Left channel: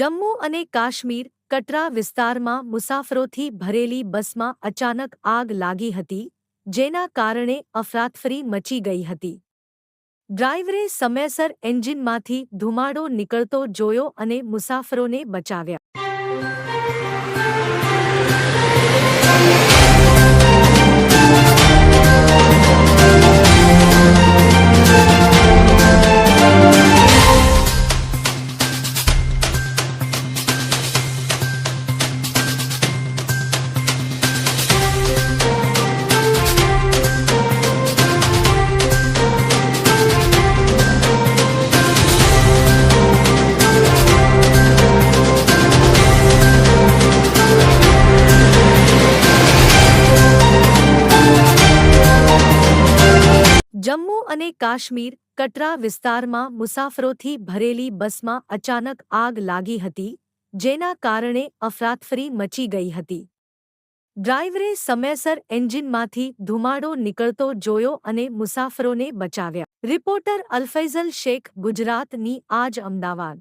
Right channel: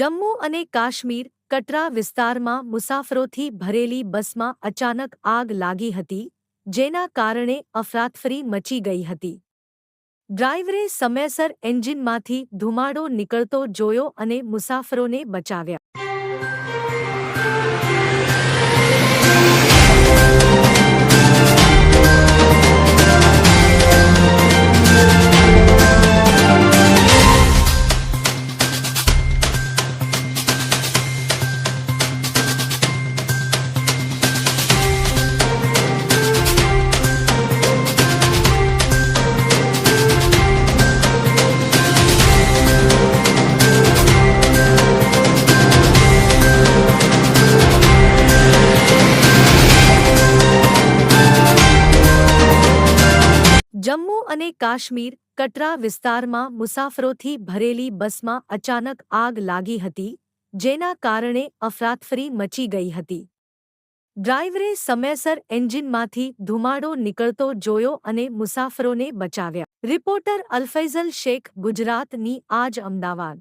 જમ્મુ અને કાશ્મીર કટરા વિસ્તારમાં મુસાફરોથી ભરેલી બસમાં અચાનક આગ લાગી હતી, જેના કારણે અફરાતફરી મચી ગઈ હતી. ડ્રાઈવરે સમયસર એન્જિનમાંથી ધુમાડો નીકળતો જોયો અને મુસાફરોને બચાવ્યા. જમ્મુ અને કાશ્મીર કટરા વિસ્તારમાં મુસાફરોથી ભરેલી બસમાં અચાનક આગ લાગી હતી, જેના કારણે અફરાતફરી મચી ગઈ હતી. ડ્રાઈવરે સમયસર એન્જિનમાંથી ધુમાડો નીકળતો જોયો અને મુસાફરોને બચાવ્યા. રિપોર્ટર અલફૈઝલ શેખ, ગુજરાતની આજ, અમદાવાદ.